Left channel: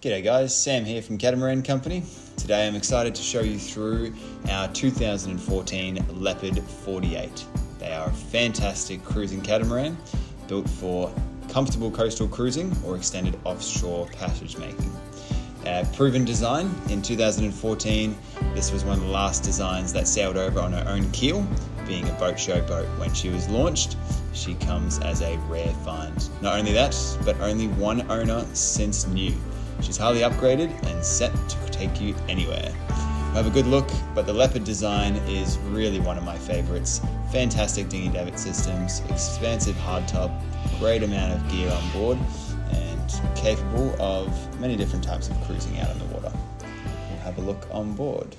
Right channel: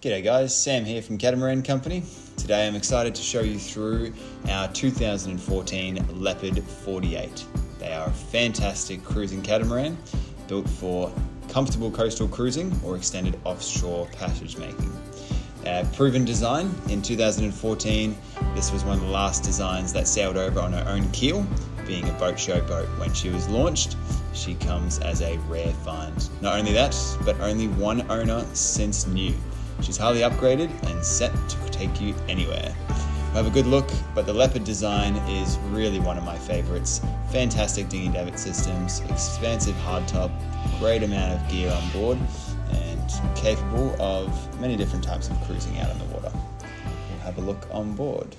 G'day guys, Sam here from Catamaran Company. Today I'm excited to show you through our 2014 Leopard 48. They are a fantastic cruising catamaran built for comfortable coastal cruising or extended offshore passage making. Proven design in 2014, this was one of the last designs that sailed over on her own keel. Being a boat show boat when she was launched, she comes as a rare find. Not only that, but only one owner since new. She's highly upgraded and set to take you anywhere. We'll have a good look, but the Leopard design is really one of my favorites. Fantastic dinghy davit systems, expansive hardtop, great amount of gear on board, and capable of many different types of cruising out on the water. We'll have a look on board.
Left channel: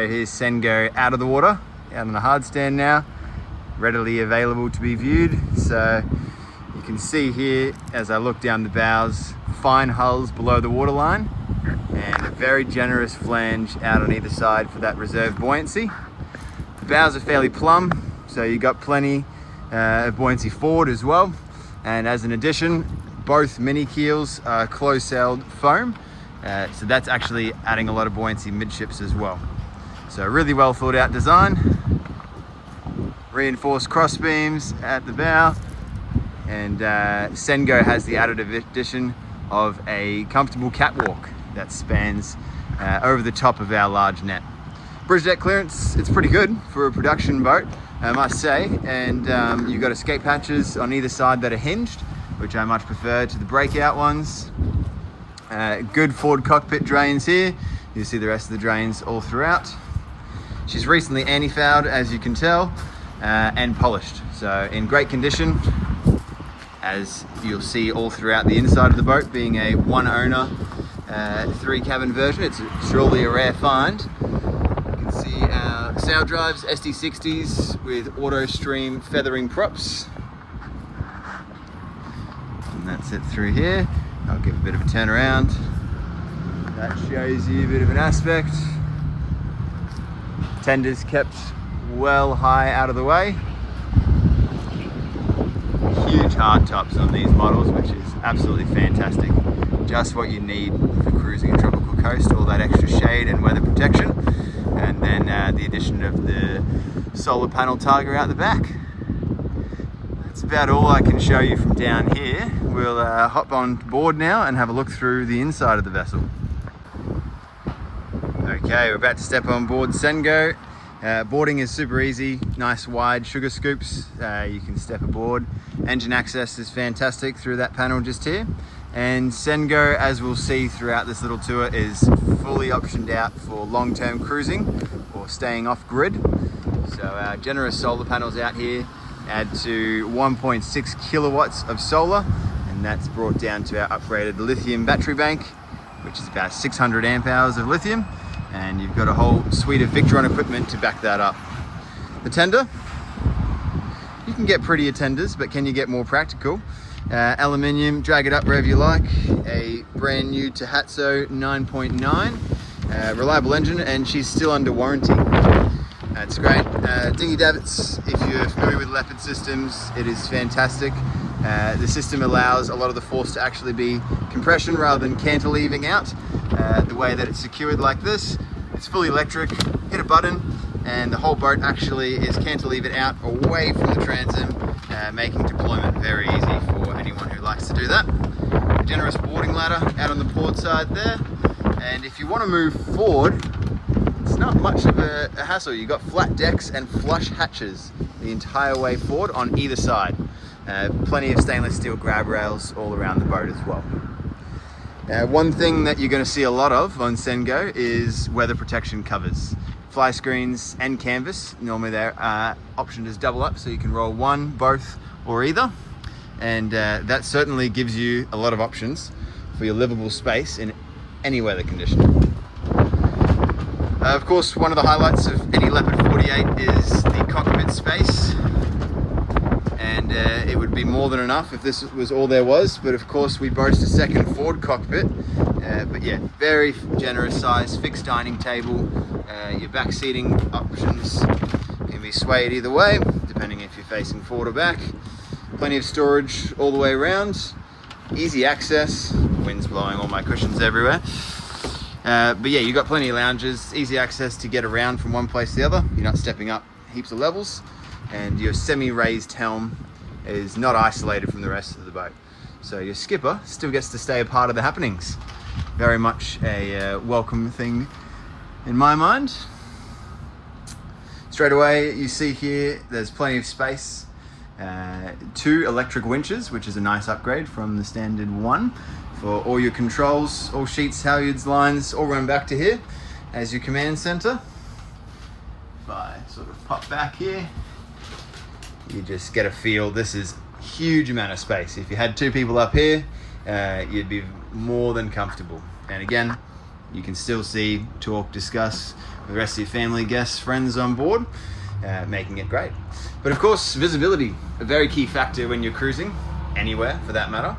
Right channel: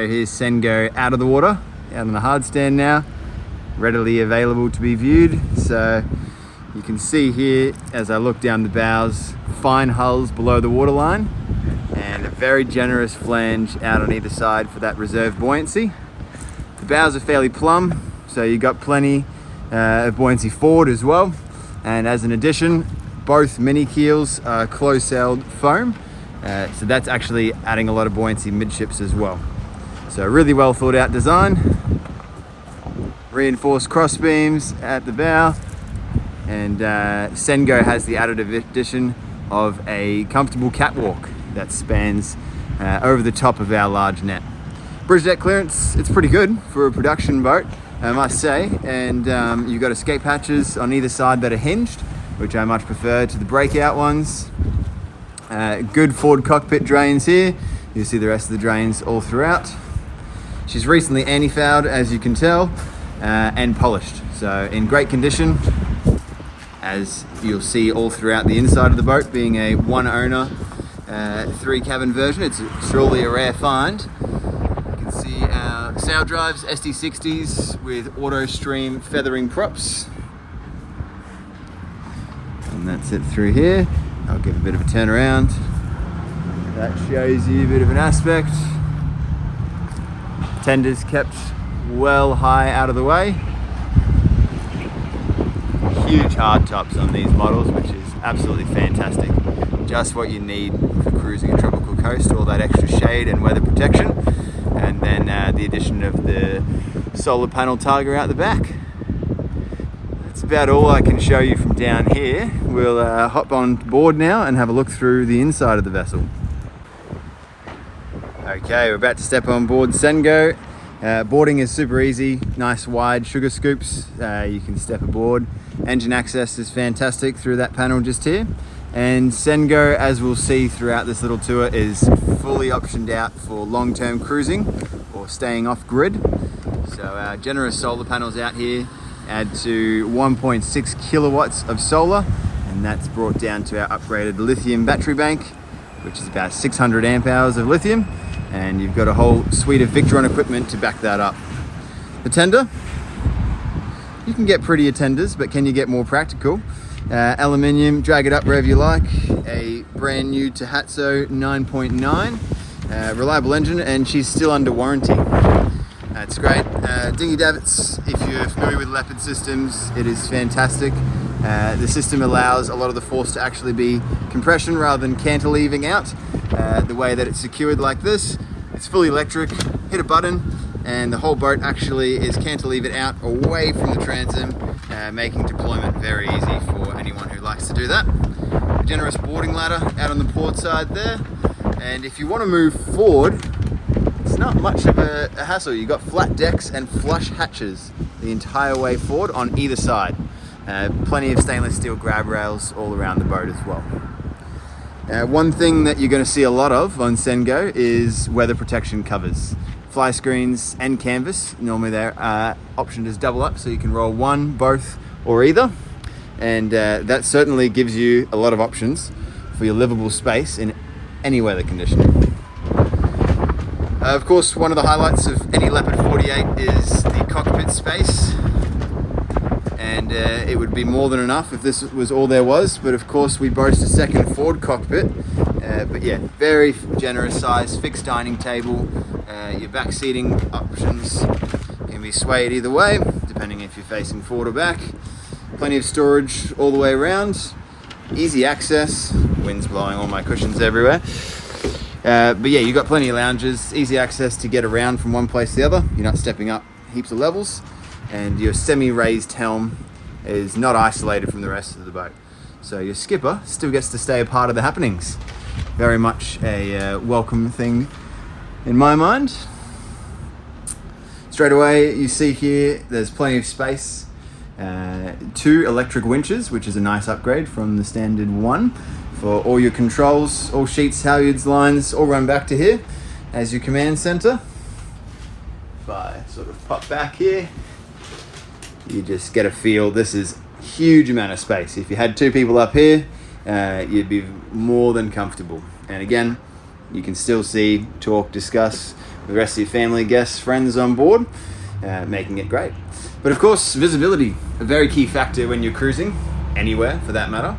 Here's Sengo out of the water, out on the hard stand now, readily available to be viewed. So you can see here as I look down the bows, fine hulls below the waterline and a very generous flange out on either side for that reserve buoyancy. The bows are fairly plumb, so you've got plenty of buoyancy forward as well. And as an addition, both mini keels are close-sailed foam, so that's actually adding a lot of buoyancy midships as well. So really well thought out design, reinforced cross beams at the bow, and Sengo has the added addition of a comfortable catwalk that spans over the top of our large net. Bridge deck clearance, it's pretty good for a production boat, I must say, and you've got escape hatches on either side that are hinged, which I much prefer to the breakout ones. Good forward cockpit drains here. You'll see the rest of the drains all throughout. She's recently anti-fouled, as you can tell, and polished. So in great condition, as you'll see all throughout the inside of the boat, being a one owner, 3 cabin version. It's surely a rare find. You can see our sail drives, SD60s with auto stream feathering props. And that's it through here. I'll give a bit of a turn around. That shows you a bit of an aspect. Tenders kept well high out of the way. Huge hard tops on these models, which is absolutely fantastic. Just what you need for cruising a tropical coast, all that extra shade and weather protection. And then the addition of the solar panel tiger out the back. That's about all I can show you from down here. We'll hop on board now and have a look through the inside of the vessel. Okay, we're about to step on board Sengo. Boarding is super easy, nice wide sugar scoops. You can step aboard. Engine access is fantastic through that panel just here. And Sengo, as we'll see throughout this little tour, is fully optioned out for long-term cruising or staying off-grid. So our generous solar panels out here add to 1.6 kilowatts of solar, and that's brought down to our upgraded lithium battery bank, which is about 600 amp hours of lithium. And you've got a whole suite of Victron equipment to back that up. The tender, you can get prettier tenders, but can you get more practical? Aluminium, drag it up wherever you like. A brand new Tohatsu 9.9, reliable engine, and she's still under warranty. That's great. Dinghy davits, if you're familiar with Leopard systems, it is fantastic. The system allows a lot of the force to actually be compression rather than cantilevering out. The way that it's secured like this, it's fully electric, hit a button, and the whole boat actually is cantilevered out away from the transom, making deployment very easy for anyone who likes to do that. A generous boarding ladder out on the port side there, and if you want to move forward, it's not much of a hassle. You've got flat decks and flush hatches the entire way forward on either side. Plenty of stainless steel grab rails all around the boat as well. One thing that you're going to see a lot of on Sengo is weather protection covers. Fly screens and canvas, normally they're optioned as double up, so you can roll one, both, or either. And that certainly gives you a lot of options for your livable space in any weather condition. Of course, one of the highlights of any Leopard 48 is the cockpit space. And it would be more than enough if this was all there was, but of course we boast a second forward cockpit, But yeah, very generous size, fixed dining table. Your back seating options can be swayed either way, depending if you're facing forward or back. Plenty of storage all the way around. Easy access. Wind's blowing all my cushions everywhere. But yeah, you've got plenty of lounges, easy access to get around from one place to the other. You're not stepping up heaps of levels. And your semi-raised helm is not isolated from the rest of the boat. So your skipper still gets to stay a part of the happenings. Very much a welcome thing in my mind. Straight away, you see here, there's plenty of space. 2 electric winches, which is a nice upgrade from the standard one. For all your controls, all sheets, halyards, lines, all run back to here as your command center. If I sort of pop back here, you just get a feel. This is a huge amount of space. If you had 2 people up here, you'd be more than comfortable. And again, you can still see, talk, discuss with the rest of your family, guests, friends on board, making it great. But of course, visibility, a very key factor when you're cruising, anywhere for that matter.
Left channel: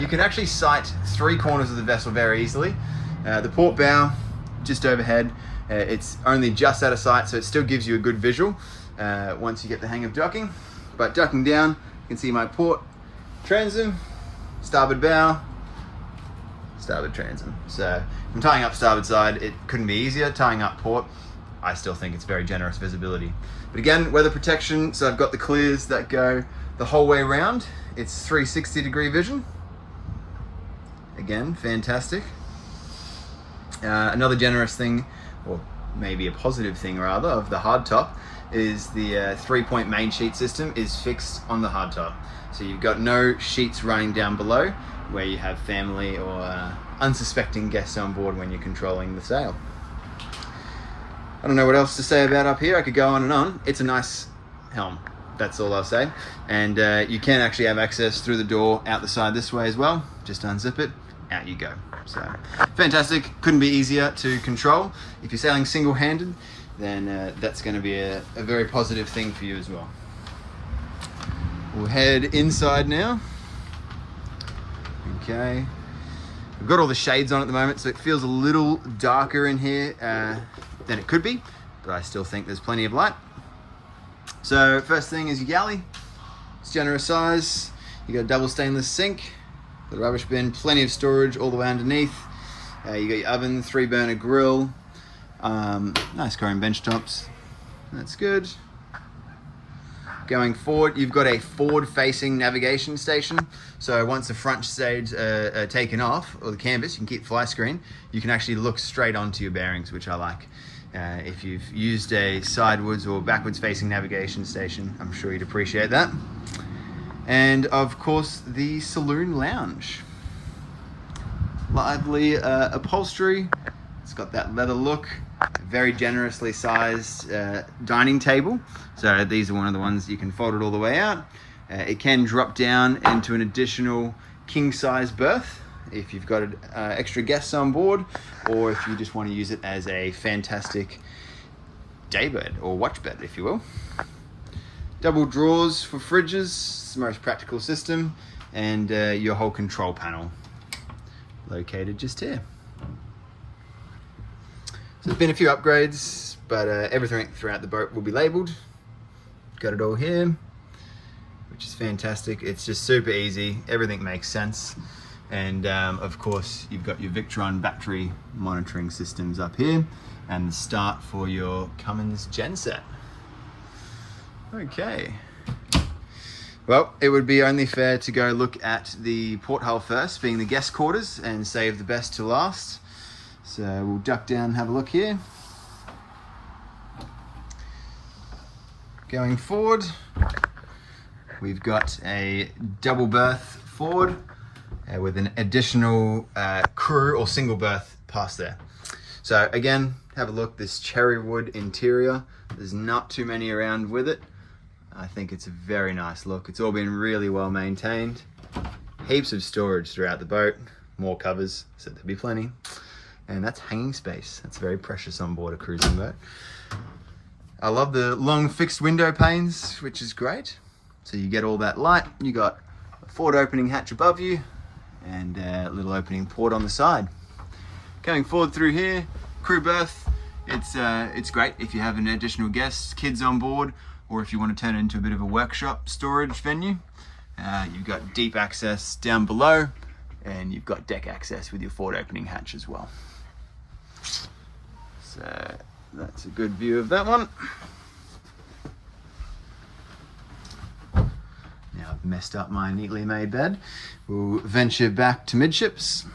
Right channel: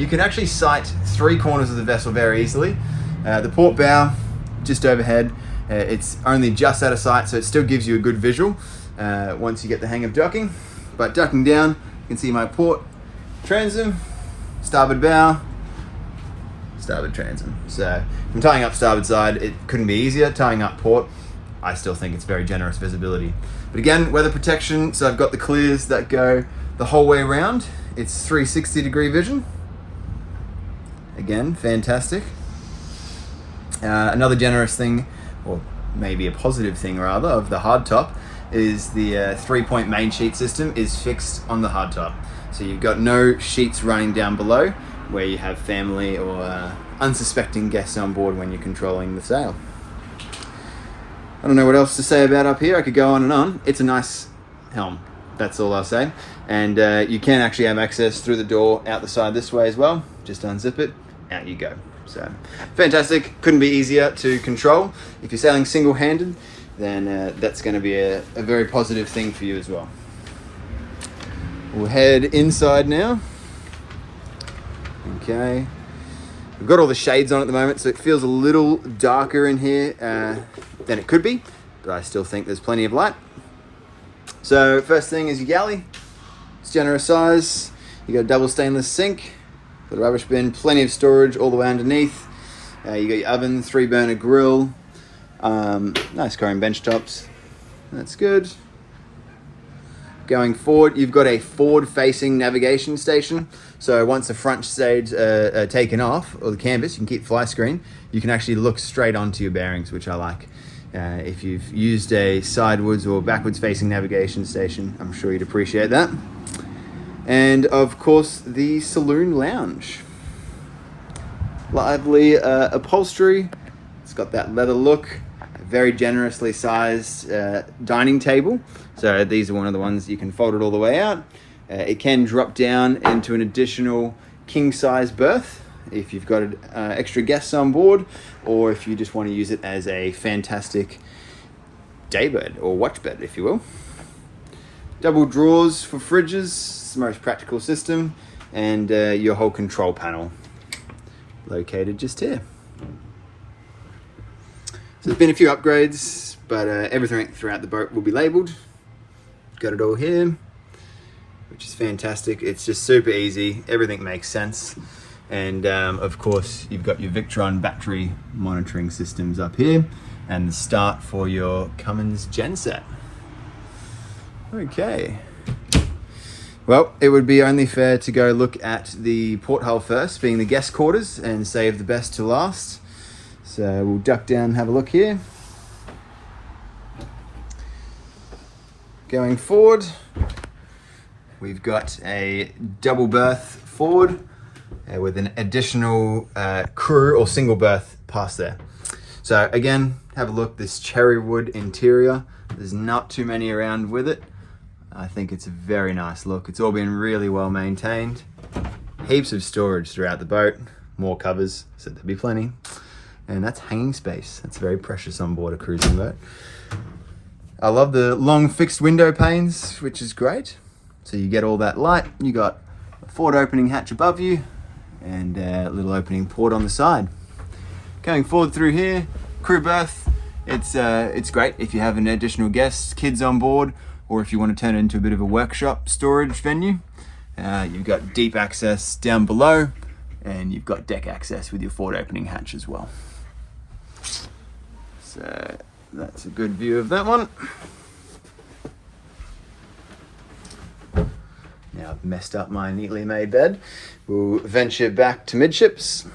You can actually sight 3 corners of the vessel very easily. The port bow, just overhead, it's only just out of sight, so it still gives you a good visual once you get the hang of docking. But ducking down, you can see my port transom, starboard bow, starboard transom. So from tying up starboard side, it couldn't be easier. Tying up port, I still think it's very generous visibility. But again, weather protection, so I've got the clears that go the whole way around. It's 360-degree vision. Again, fantastic. Another generous thing, or maybe a positive thing rather, of the hardtop is the 3-point main sheet system is fixed on the hardtop. So you've got no sheets running down below where you have family or unsuspecting guests on board when you're controlling the sail. I don't know what else to say about up here. I could go on and on. It's a nice helm. That's all I'll say. And you can actually have access through the door out the side this way as well. Just unzip it, out you go. So fantastic. Couldn't be easier to control. If you're sailing single-handed, then that's going to be a very positive thing for you as well. We'll head inside now. Okay. We've got all the shades on at the moment, so it feels a little darker in here than it could be, but I still think there's plenty of light. So first thing is your galley. It's generous size. You got a double stainless sink, the rubbish bin, plenty of storage all the way underneath. You got your oven, 3-burner grill, nice chrome bench tops. That's good. Going forward, you've got a forward-facing navigation station. So once the front shades are taken off, or the canvas, you can keep fly screen, you can actually look straight onto your bearings, which I like. If you've used a sidewards or backwards facing navigation station, I'm sure you'd appreciate that. And of course, the saloon lounge. Lively upholstery. It's got that leather look. A very generously sized dining table. So these are one of the ones you can fold it all the way out. It can drop down into an additional king size berth if you've got extra guests on board, or if you just want to use it as a fantastic daybed or watch bed, if you will. Double drawers for fridges, it's the most practical system, and your whole control panel located just here. So there's been a few upgrades, but everything throughout the boat will be labelled. Got it all here, which is fantastic. It's just super easy, everything makes sense. And of course, you've got your Victron battery monitoring systems up here, and the start for your Cummins genset. Okay. Well, it would be only fair to go look at the porthole first, being the guest quarters, and save the best to last. So we'll duck down and have a look here. Going forward, we've got a double berth forward with an additional crew or single berth past there. So again, have a look, this cherry wood interior. There's not too many around with it. I think it's a very nice look. It's all been really well maintained. Heaps of storage throughout the boat, more covers, so there'll be plenty. And that's hanging space. That's very precious on board a cruising boat. I love the long fixed window panes, which is great. So you get all that light. You got a forward opening hatch above you, and a little opening port on the side. Going forward through here, crew berth. It's great if you have an additional guests, kids on board, or if you want to turn it into a bit of a workshop storage venue. You've got deep access down below, and you've got deck access with your forward opening hatch as well. So that's a good view of that one. Now I've messed up my neatly made bed. We'll venture back to midships.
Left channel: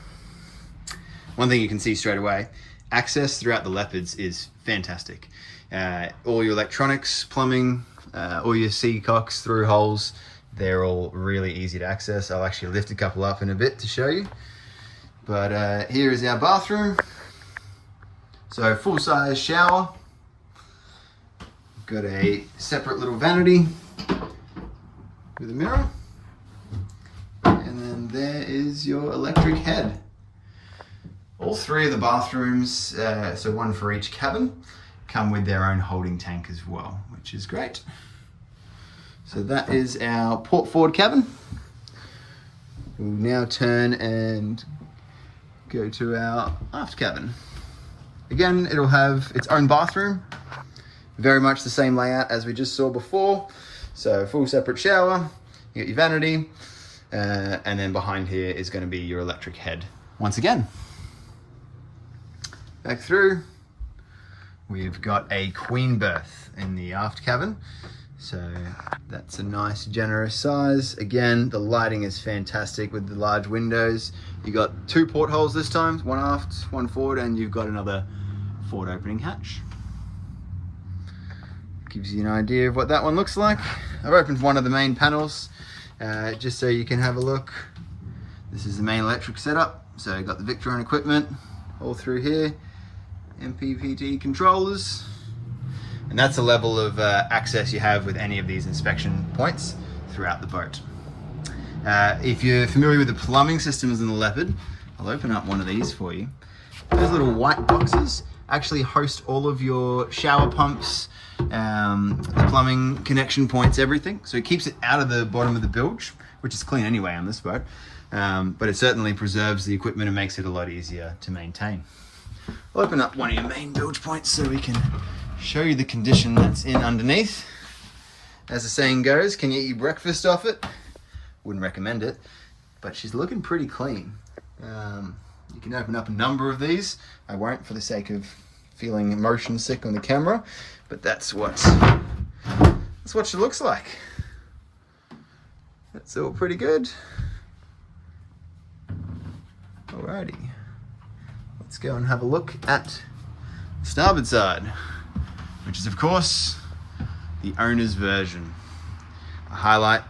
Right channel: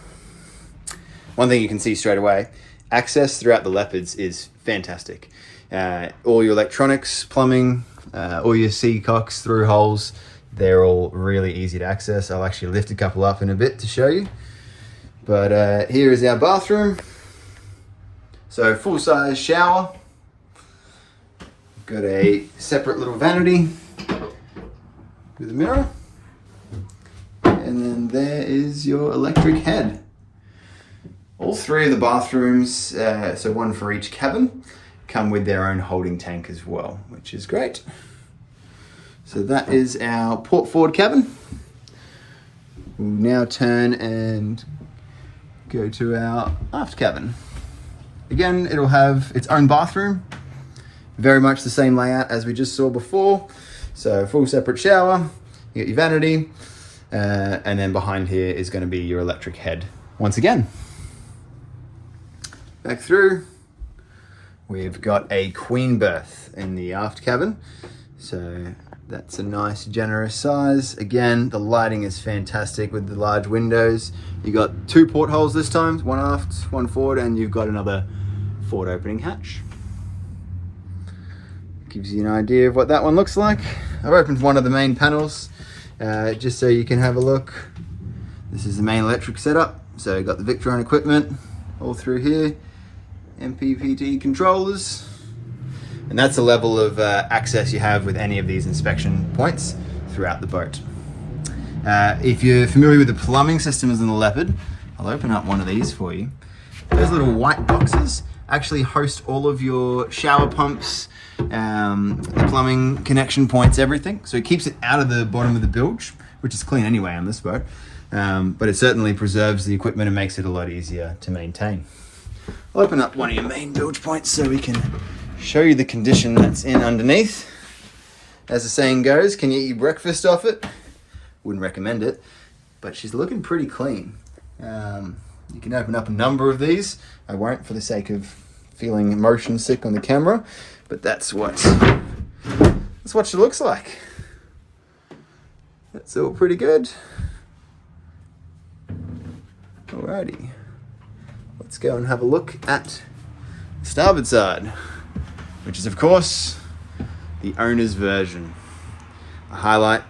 One thing you can see straight away, access throughout the Leopards is fantastic. All your electronics, plumbing, all your seacocks through holes, they're all really easy to access. I'll actually lift a couple up in a bit to show you. But here is our bathroom. So full-size shower. Got a separate little vanity with a mirror. And then there is your electric head. All three of the bathrooms, so one for each cabin, come with their own holding tank as well, which is great. So that is our port forward cabin. We'll now turn and go to our aft cabin. Again, it'll have its own bathroom, very much the same layout as we just saw before. So full separate shower, you got your vanity, and then behind here is going to be your electric head once again. Back through, we've got a queen berth in the aft cabin. So that's a nice generous size. Again, the lighting is fantastic with the large windows. You got two portholes this time, one aft, one forward, and you've got another forward opening hatch. Gives you an idea of what that one looks like. I've opened one of the main panels just so you can have a look. This is the main electric setup. So you've got the Victron equipment all through here, MPPT controllers. And that's the level of access you have with any of these inspection points throughout the boat. If you're familiar with the plumbing systems in the Leopard, I'll open up one of these for you. Those little white boxes actually host all of your shower pumps, the plumbing connection points, everything. So it keeps it out of the bottom of the bilge, which is clean anyway on this boat. But it certainly preserves the equipment and makes it a lot easier to maintain. I'll open up one of your main bilge points so we can show you the condition that's in underneath. As the saying goes, can you eat your breakfast off it? Wouldn't recommend it, but she's looking pretty clean. You can open up a number of these. I won't for the sake of feeling motion sick on the camera, but that's what she looks like. That's all pretty good. Alrighty, let's go and have a look at the starboard side, which is of course the owner's version. A highlight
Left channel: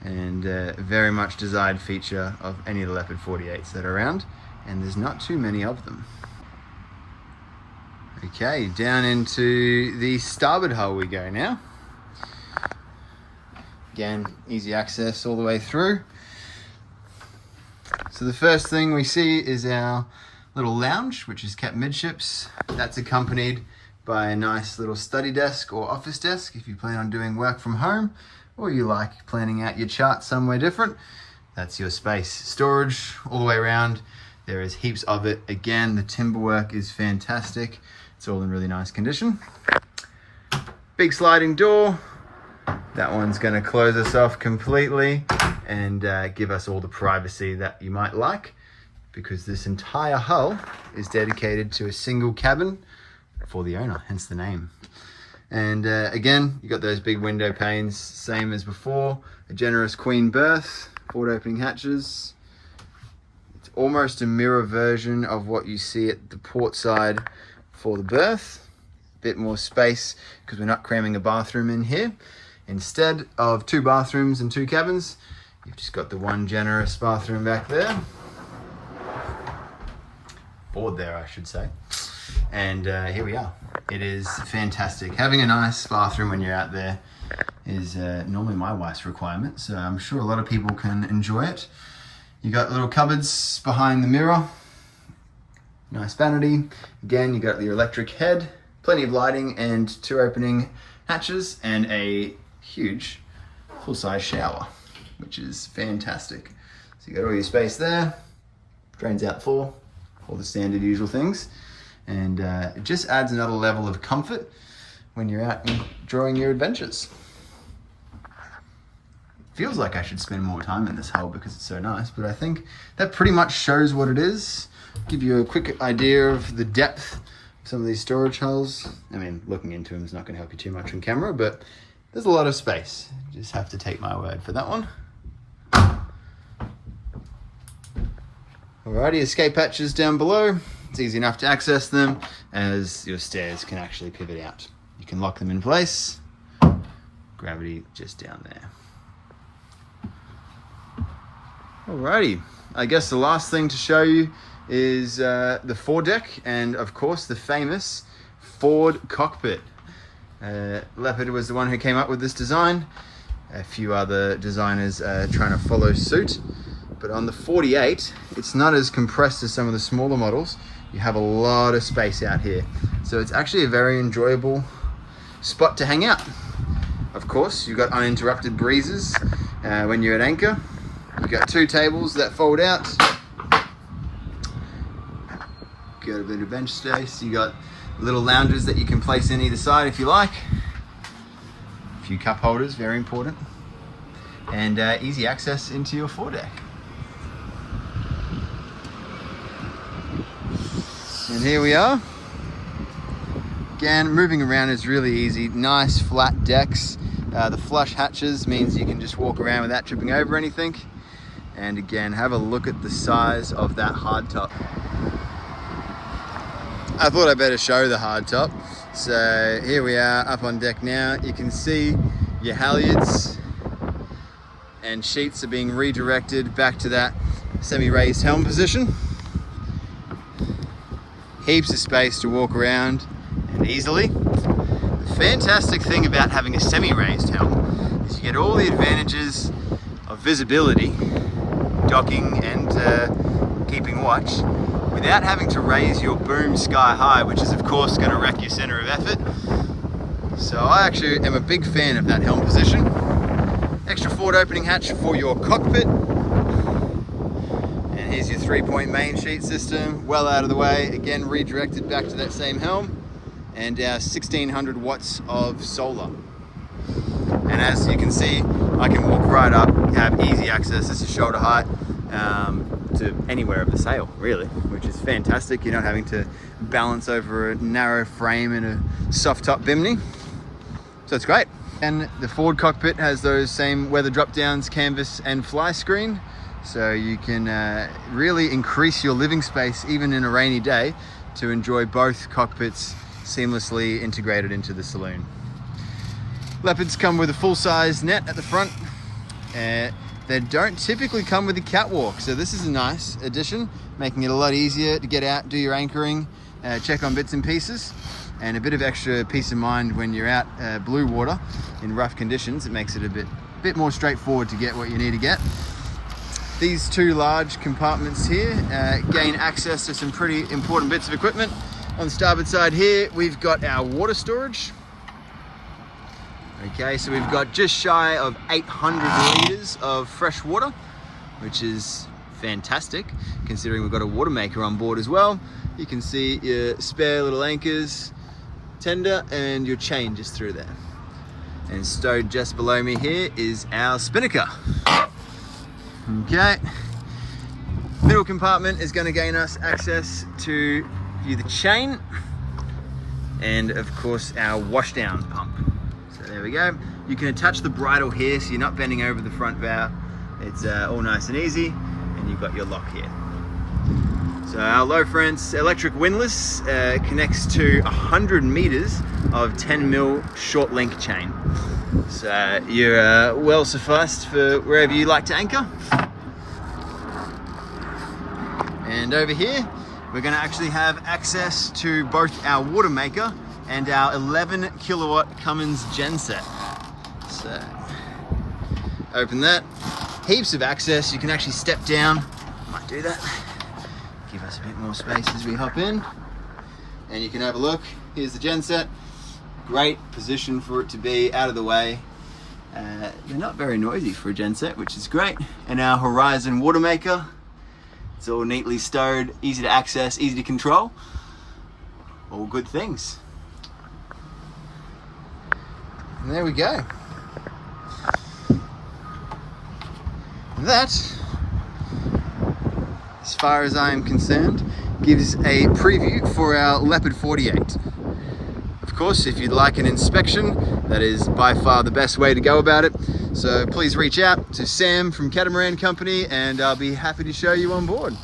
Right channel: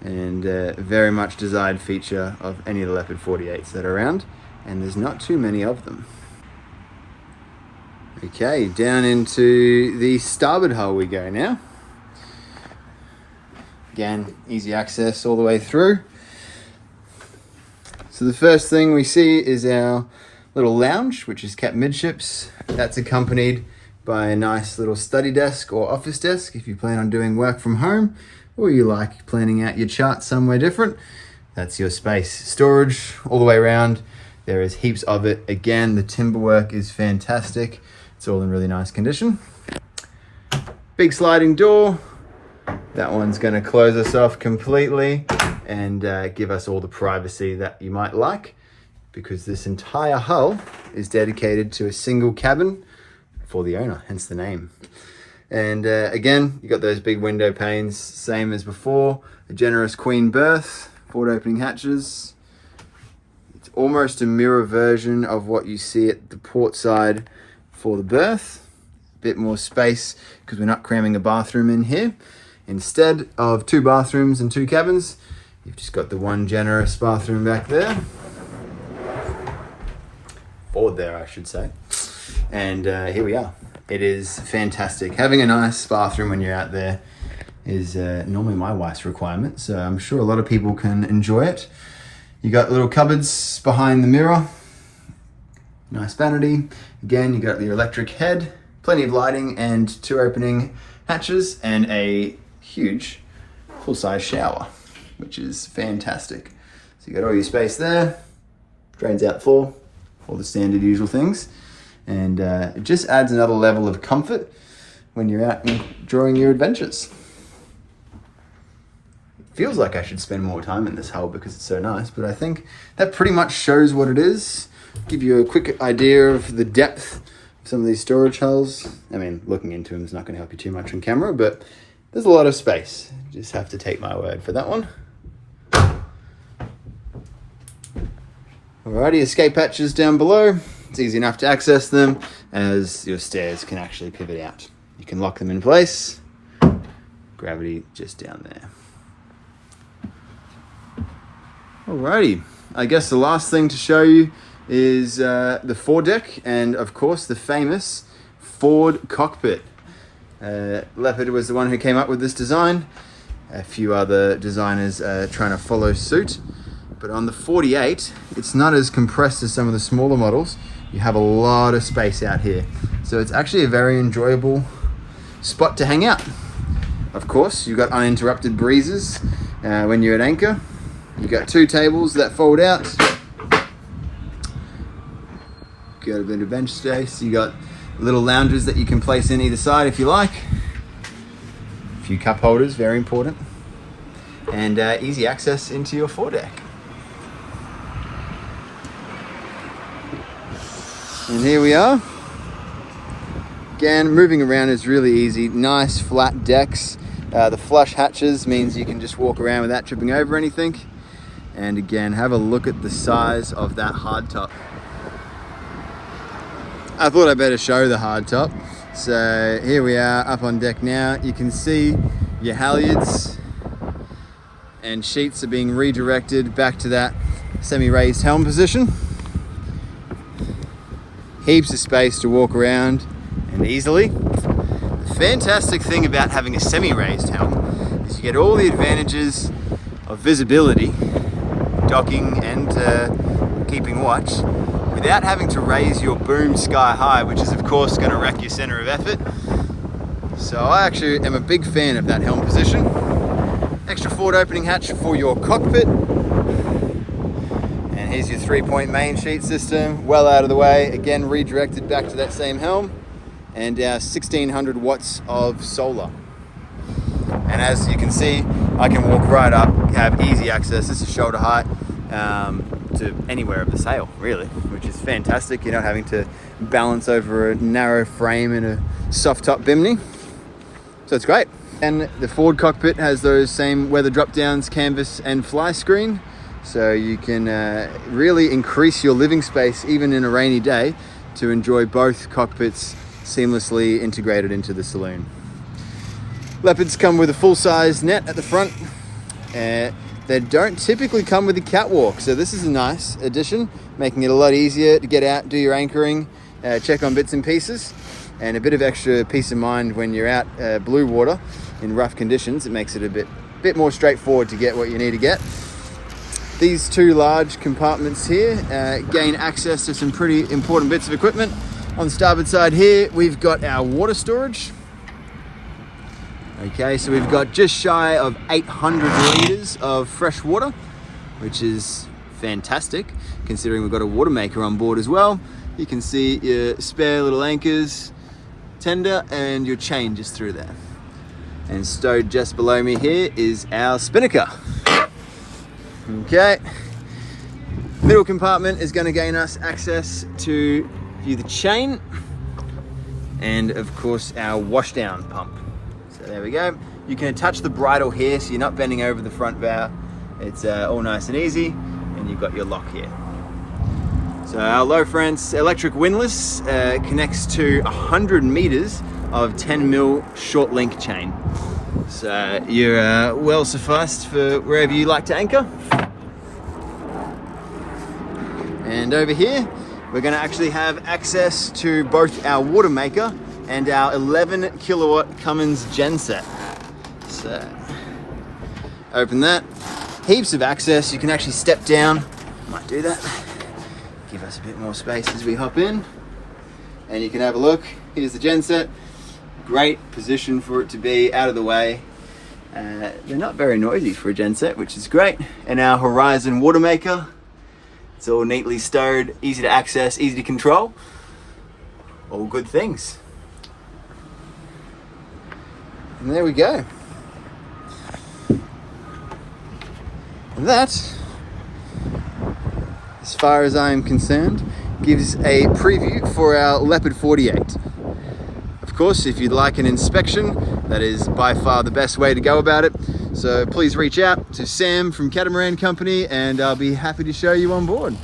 and a very much desired feature of any of the Leopard 48s that are around, and there's not too many of them. Okay, down into the starboard hull we go now. Again, easy access all the way through. So the first thing we see is our little lounge, which is kept midships. That's accompanied by a nice little study desk or office desk if you plan on doing work from home, or you like planning out your chart somewhere different. That's your space. Storage all the way around. There is heaps of it. Again, the timber work is fantastic. It's all in really nice condition. Big sliding door. That one's going to close us off completely and give us all the privacy that you might like, because this entire hull is dedicated to a single cabin for the owner, hence the name. And again, you got those big window panes, same as before. A generous queen berth, forward opening hatches. It's almost a mirror version of what you see at the port side for the berth. A bit more space because we're not cramming a bathroom in here. Instead of two bathrooms and two cabins, you've just got the one generous bathroom back there. Forward there, I should say. And here we are. It is fantastic. Having a nice bathroom when you're out there is normally my wife's requirement, so I'm sure a lot of people can enjoy it. You got little cupboards behind the mirror. Nice vanity. Again, you got your electric head, plenty of lighting and two opening hatches, and a huge full-size shower, which is fantastic. So you got all your space there, drains out the floor, all the standard usual things. And it just adds another level of comfort when you're out enjoying your adventures. It feels like I should spend more time in this hull because it's so nice, but I think that pretty much shows what it is. Give you a quick idea of the depth of some of these storage hulls. I mean, looking into them is not going to help you too much on camera, but there's a lot of space. You just have to take my word for that one. Alrighty, escape hatches down below. It's easy enough to access them as your stairs can actually pivot out. You can lock them in place. Gravity just down there. Alrighty, I guess the last thing to show you is the foredeck and of course the famous forward cockpit. Leopard was the one who came up with this design. A few other designers are trying to follow suit. But on the 48, it's not as compressed as some of the smaller models. You have a lot of space out here. So it's actually a very enjoyable spot to hang out. Of course, you've got uninterrupted breezes when you're at anchor. You've got 2 tables that fold out. Got a bit of bench space. You got little lounges that you can place in either side if you like. A few cup holders, very important. And easy access into your foredeck. And here we are. Again, moving around is really easy. Nice flat decks. The flush hatches means you can just walk around without tripping over anything. And again, have a look at the size of that hardtop. I thought I'd better show the hardtop. So here we are up on deck now. You can see your halyards and sheets are being redirected back to that semi-raised helm position. Heaps of space to walk around and easily. The fantastic thing about having a semi-raised helm is you get all the advantages of visibility, docking and keeping watch without having to raise your boom sky high, which is of course going to wreck your center of effort. So I actually am a big fan of that helm position. Extra forward opening hatch for your cockpit. Here's your 3-point main sheet system, well out of the way. Again, redirected back to that same helm. And our 1600 watts of solar. And as you can see, I can walk right up, have easy access. This is shoulder height to anywhere of the sail, really, which is fantastic. You're not having to balance over a narrow frame in a soft top bimini. So it's great. And the forward cockpit has those same weather drop downs, canvas and fly screen. So you can really increase your living space even in a rainy day to enjoy both cockpits seamlessly integrated into the saloon. Leopards come with a full-size net at the front. They don't typically come with a catwalk, so this is a nice addition, making it a lot easier to get out, do your anchoring, check on bits and pieces, and a bit of extra peace of mind when you're out blue water in rough conditions. It makes it a bit more straightforward to get what you need to get. These 2 large compartments here gain access to some pretty important bits of equipment. On the starboard side here, we've got our water storage. Okay, so we've got just shy of 800 liters of fresh water, which is fantastic, considering we've got a water maker on board as well. You can see your spare little anchors, tender, and your chain just through there. And stowed just below me here is our spinnaker. Okay, middle compartment is going to gain us access to the chain and of course our washdown pump. So there we go. You can attach the bridle here so you're not bending over the front bow. It's all nice and easy, and you've got your lock here. So our low France electric windlass connects to 100 meters of 10mm short link chain. So you're well sufficed for wherever you like to anchor. And over here, we're going to actually have access to both our water maker and our 11 kilowatt Cummins genset. So open that. Heaps of access. You can actually step down. Might do that. Give us a bit more space as we hop in. And you can have a look. Here's the genset. Great position for it to be out of the way. They're not very noisy for a genset, which is great. And our Horizon water maker, it's all neatly stowed, easy to access, easy to control. All good things. And there we go. And that, as far as I am concerned, gives a preview for our Leopard 48. Of course, if you'd like an inspection, that is by far the best way to go about it. So please reach out to Sam from Catamaran Company and I'll be happy to show you on board.